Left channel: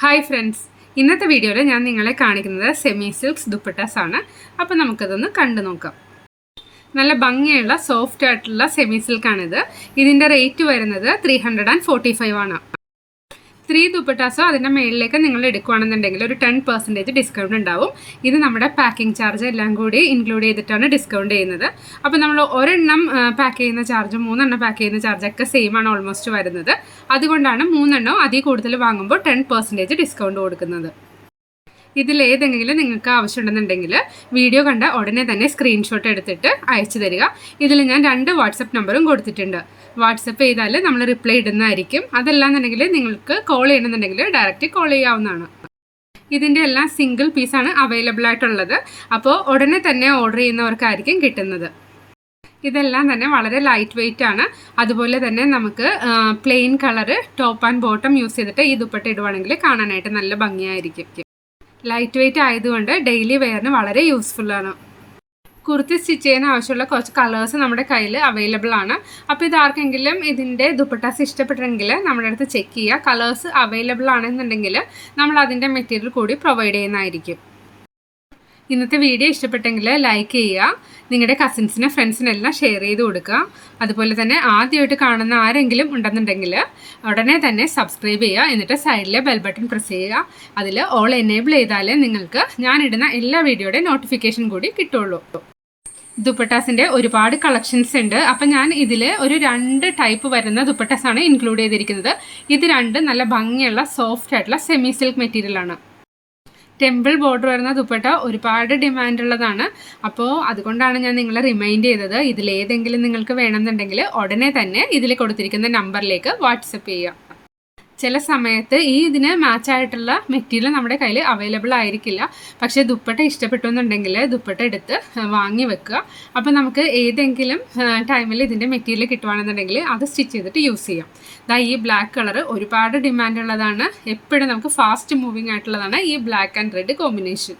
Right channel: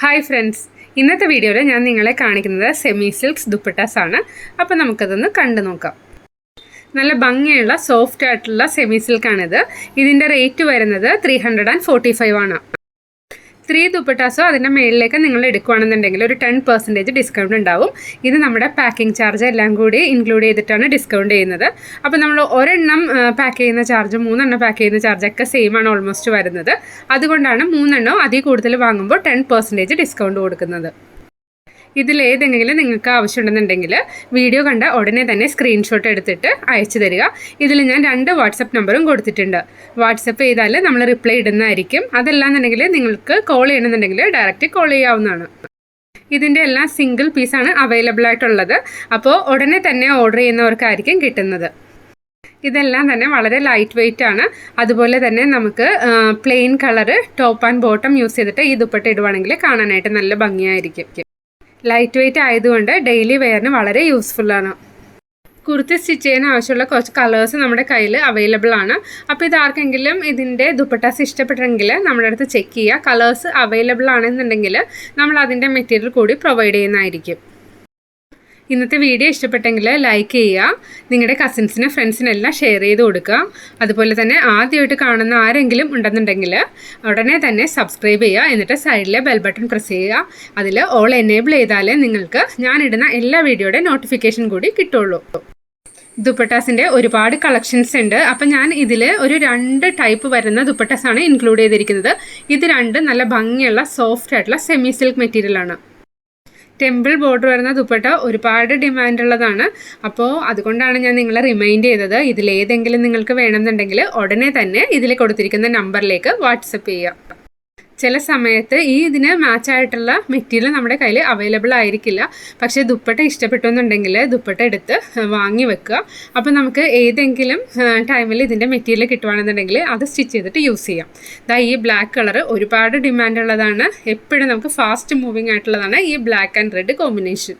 Hi friends, ഇന്നത്തെ വീഡിയോയിൽ ഞാൻ നിങ്ങളെ കാണിക്കുന്നത് സെമി സിൽക്സ് ദുപ്പട്ടാസ് ആണ്. അപ്പോൾ നമുക്കതൊന്ന് കണ്ടു നോക്കാം. നല്ല ഭംഗിയുള്ള സോഫ്റ്റ് ആയിട്ടുള്ള സെമി സിൽക്കാണിത്. ഇതിൻ്റെ റേറ്റ് വരുന്നത് 345 ആണ്. 3 ദുപ്പട്ടാസോ അതിൻ്റെ മേളിലേക്ക് നിങ്ങൾ എടുക്കുകയാണെന്നുണ്ടെങ്കിൽ ഒരു 10% ഡിസ്കൗണ്ട് ഉണ്ടാവും. ഇത് നമ്മുടെ പാക്കിംഗ് ചാർജ് എല്ലാം കൂടി ഇൻക്ലൂഡ് ചെയ്തിട്ടാണ് ഡിസ്കൗണ്ട് ചെയ്യുന്നത്. അപ്പോൾ നമ്മൾ ഒരെണ്ണം പാക്ക് ചെയ്യുന്ന ചാർജ് 3 എണ്ണം പാക്ക് ചെയ്യുന്ന ചാർജൊക്കെ സെയിം ആണ് ഓൾമോസ്റ്റ് വരുന്നത്. അതുകൊണ്ടാണ് 3 എണ്ണം അതിൽ കൂടുതൽ വാങ്ങുമ്പോൾ 10% ഡിസ്കൗണ്ട് കൊടുക്കുന്നത്. ഇതിലേതെങ്കിലും നിങ്ങൾക്ക് ആവശ്യമുണ്ടെന്നുണ്ടെങ്കിൽ വീഡിയോ കണ്ട ഉടനെ തന്നെ സ്ക്രീൻഷോട്ട് എടുത്തിട്ട് അയച്ചു തരിക. ഇതിൽ ഞാൻ 2 വാട്സപ്പ് നമ്പറും കൊടുത്തിട്ടുണ്ട്. വാട്സപ്പ് ചെയ്താൽ നമ്മൾ റിപ്ലൈ ഇടുന്നതായിരിക്കും. അതല്ലാന്നുണ്ടെങ്കിൽ നിങ്ങൾക്ക് കോൾ ചെയ്യണമെന്നുണ്ടെങ്കിൽ ഡയറക്റ്റ് കോൾ ചെയ്യാവുന്നതാണ്. ഇതിൻ്റെ എല്ലാം സിംഗിൾ പീസാണ് അവൈലബിൾ ആയിട്ടുള്ളത്. അപ്പോൾ ഉടനെ തന്നെ ഓർഡർ ചെയ്യുന്നവർക്കായിരിക്കും കിട്ടുന്നത്. ഇതെല്ലാം തന്നെ വളരെ ലൈറ്റ് വെയ്റ്റ് ആണ്. അതുപോലെ തന്നെ നമുക്ക് plain colour top and bottom use ചെയ്തിട്ട് ഈ ദുപ്പട്ട ഇടുവാണെങ്കിൽ കാണാനായിട്ട് നല്ല ഭംഗിയായിരിക്കും. ലൈറ്റ് വെയ്റ്റ് ആയതുകൊണ്ട് ഡെയിലി വെയറിന് വളരെ യൂസ്ഫുള്ളാണ്. കുർത്തി സ്റ്റിച്ച് ചെയ്യാൻ ആവശ്യമുള്ള കുറച്ച് കളേഴ്സ് നമ്മുടെ കയ്യിൽ അവൈലബിൾ ആണ്. അപ്പോൾ ഇതാർക്കെങ്കിലും ഇതിൻ്റെ ദുപ്പട്ടാസ് ഇഷ്ടപ്പെട്ടെങ്കിൽ നമ്മുടെ അടുത്ത് ചെക്ക് ചെയ്യുക. കളേഴ്സ് അവൈലബിൾ ആണെന്നുണ്ടെങ്കിൽ നമ്മൾ അതിൻ്റെ മെറ്റീരിയൽ കൂടി പ്രൊവൈഡ് ചെയ്യുന്നതായിരിക്കും. ഇന്നത്തെ വീഡിയോ ഇഷ്ടപ്പെട്ടെങ്കിൽ ലൈക്ക് ചെയ്യുക, നിങ്ങളുടെ കസിൻസിന് ഫ്രണ്ട്സിനെല്ലാം ഷെയർ ചെയ്ത് കൊടുക്കുക. അതുപോലെ തന്നെ ആദ്യമായിട്ട് കാണുന്ന ആരെങ്കിലും ഉണ്ടെന്നുണ്ടെങ്കിൽ ഉടനെ തന്നെ സബ്സ്ക്രൈബ് ചെയ്യുക. എന്നിട്ട് സൈഡിലെ ബെൽ ബട്ടൺ പ്രസ് ചെയ്യുക. അതിൽ ഓൾ എനേബിൾ ചെയ്താലേ നിങ്ങൾക്ക് ഞാനിടുന്ന എല്ലാ വീഡിയോയുടെ നോട്ടിഫിക്കേഷൻ കൂടി കിട്ടുള്ളൂ. ദുപ്പട്ടാസിൻ്റെ ഒരുപാട് കളക്ഷൻസ് ഉണ്ട്. അപ്പം ഞാൻ ഇതിൽ ഒരു 2 ടൈപ്പ് വരുന്ന ദുപ്പട്ടാസാണ് ഇൻക്ലൂഡ് ചെയ്തിരിക്കുന്നത്. ഇത് 2 നല്ല ഭംഗിയുള്ള സോഫ്റ്റ് ആയിട്ടുള്ള സെമി സിൽക്ക് മെറ്റീരിയലാണ്. ടെമ്പിൾ ബോർഡർ വരുന്ന ദുപ്പട്ട ഒരുപാട് ഡിമാൻഡ് ഉള്ളതാണ്. അപ്പോൾ അതുകൊണ്ടാണ് ഞാൻ നിങ്ങളെ റിമൈൻഡ് ചെയ്തത്. ഇതിലേതെങ്കിലും നിങ്ങൾക്ക് വേണമെന്നുണ്ടെങ്കിൽ ഉടനെ തന്നെ ഇതിൽ കൊടുത്തിരിക്കുന്ന നമ്പറിലേക്ക് വാട്സപ്പ് ചെയ്യുക. ചില സമയത്ത് ഇതിന് മാച്ചായിട്ടുള്ള മെറ്റീരിയൽ നമ്മുടെ കയ്യിൽ അവൈലബിൾ ആയിരിക്കില്ല. പക്ഷേ ദുപ്പട്ട ഇഷ്ടപ്പെട്ടു എന്നുണ്ടെങ്കിൽ ദുപ്പട്ട എടുത്ത് വാങ്ങി വെക്കുക. അപ്പോൾ നമുക്ക് ഏതെങ്കിലും ടൈമിൽ ഇതിൻ്റെ മെറ്റീരിയൽ കിട്ടുവാണെന്നുണ്ടെങ്കിൽ അത് സ്റ്റിച്ച് ചെയ്തിട്ട് യൂസ് ചെയ്യാം. ഈ ബ്ലാക്ക് കളർ ഒരുപാട് ഡിമാൻഡ് ഉള്ളതാണ്. എപ്പോഴും നമുക്ക് ഫാസ്റ്റ് മൂവിങ് ആയിട്ടുള്ളതാണ് ഈ black and red combination.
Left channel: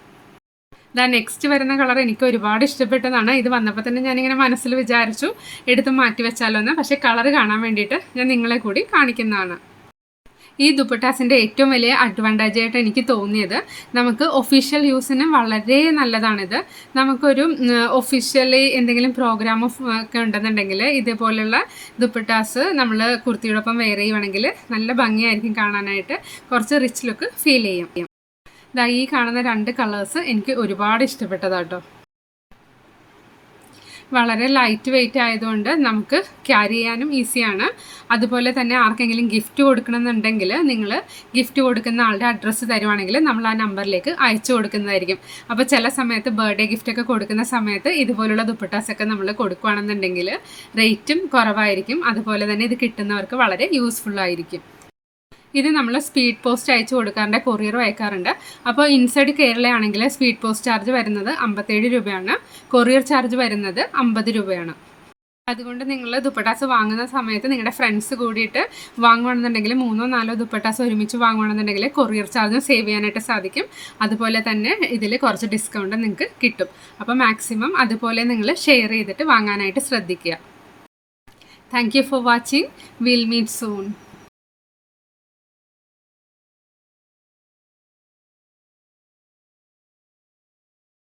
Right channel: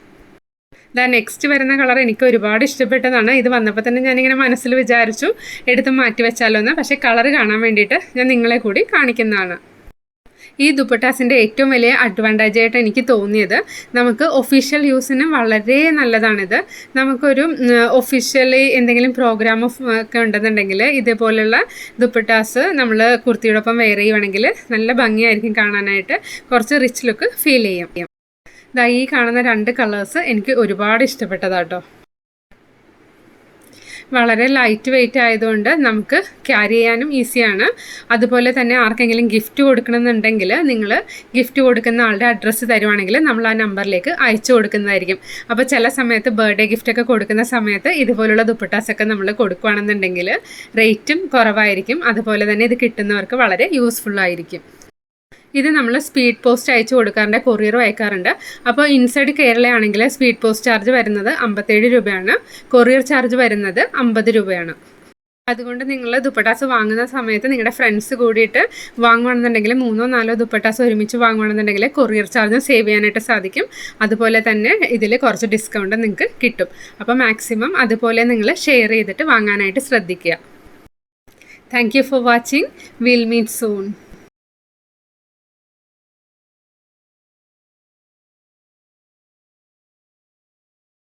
Next വരുന്ന കളർ എനിക്ക് ഒരുപാട് ഇഷ്ടപ്പെട്ടതാണ്. ഇത് വന്നപ്പോൾ തന്നെ ഞാനിങ്ങനെ മനസ്സിൽ വിചാരിച്ചു എടുത്ത് മാറ്റി വെച്ചാലോ എന്ന്. പക്ഷേ കളർ കാണാൻ വേണ്ടിയിട്ട് ഞാൻ നിങ്ങളെ കൂടി കാണിക്കുന്നതാണ്. ഈ ദുപ്പട്ടാസിൻ്റെ ഏറ്റവും വലിയ അഡ്വാൻറ്റേജ് ആയിട്ട് എനിക്ക് തോന്നിയത് നമുക്ക് ഒഫീഷ്യൽ യൂസിന് വളരെ നല്ലതാണിത്. നമുക്കൊരു ഒഫീഷ്യലി എന്തെങ്കിലും പ്രോഗ്രാം ഒക്കെ ഉണ്ടെന്നുണ്ടെങ്കിൽ ഇതേപോലെയുള്ള ദുപ്പട്ടാസ് നമ്മൾ കുർത്തിയോടൊപ്പം വെയർ ചെയ്യുവാണെങ്കിൽ നല്ല ഭംഗിയായിരിക്കും കാണാനായിട്ട്. കുറച്ച് റിച്ച് ലുക്ക് ഫീൽ ചെയ്യാം. ഈ കാണുന്ന 2 കളേഴ്സ് എനിക്ക് ഒരുപാട് ഇഷ്ടപ്പെട്ടതാട്ടോ. വളരെ ലൈറ്റ് വെയ്റ്റ് ആയതുകൊണ്ട് നമുക്ക് ക്യാരി ചെയ്യാനും ഈസിയാണ്. അതുപോലെ തന്നെ ആർക്കെങ്കിലും ഗിഫ്റ്റ് കൊടുക്കണമെന്നുണ്ടെങ്കിൽ നിങ്ങൾ ഗിഫ്റ്റ് കൊടുക്കുന്ന ആളുടെ അഡ്രസ്സ് തരുവാണെങ്കിൽ നമ്മൾ ആ നമ്പറിലേക്ക് അയച്ചു കൊടുക്കുന്നതായിരിക്കും. അപ്പോൾ ചില സമയത്ത് ബർത്ത്ഡേ ഗിഫ്റ്റൊക്കെ കൊടുക്കുന്ന സമയത്ത് ഇതുപോലുള്ള ദുപ്പട്ടാസൊക്കെ നമ്മൾ കൊടുക്കുകയാണെന്നുണ്ടെങ്കിൽ റേറ്റും കുറവായിരിക്കും. അതുപോലെ തന്നെ ഇത് കിട്ടുന്നവർക്ക് വളരെ യൂസ്ഫുള്ളായിരിക്കും. ഇത് നമ്മൾ സ്പീഡ് പോസ്റ്റ് അയച്ചു കൊടുക്കാറുണ്ട്, കൊറിയറും അയക്കാറുണ്ട്. അപ്പോൾ ഇൻസൈഡ് കേരളയാണെങ്കിൽ സ്പീഡ് പോസ്റ്റ് ചാർജ് വരുന്നത് 57 രൂപയാണ്. കൊറിയർ ചാർജ് വരുന്നത് 50 രൂപയാണ്. അതുകൊണ്ട് നിങ്ങൾ ദുപ്പട്ടാസ് വാങ്ങുന്ന സമയത്ത് നിങ്ങളുടെ ഫ്രണ്ട്സ് കൂടിയിട്ട് വാങ്ങുകയാണെന്നുണ്ടെങ്കിൽ 3-4 ദുപ്പട്ടാസ് ഒരുമിച്ച് വാങ്ങുകയാണെന്നുണ്ടെങ്കിൽ കൊറിയർ ചാർജും സേവ് ചെയ്യാനായിട്ട് സാധിക്കും. അതുപോലെ തന്നെ ഇതിൽ കുറച്ച് ഡിസ്കൗണ്ട് നിങ്ങൾക്ക് കിട്ടും. അപ്പോൾ മാക്സിമം അതുപോലെ നിങ്ങൾ ഷെയർ ചെയ്തിട്ട് വാങ്ങാനായിട്ട് ശ്രദ്ധിക്കുക. Thank you for watching. Will meet soon.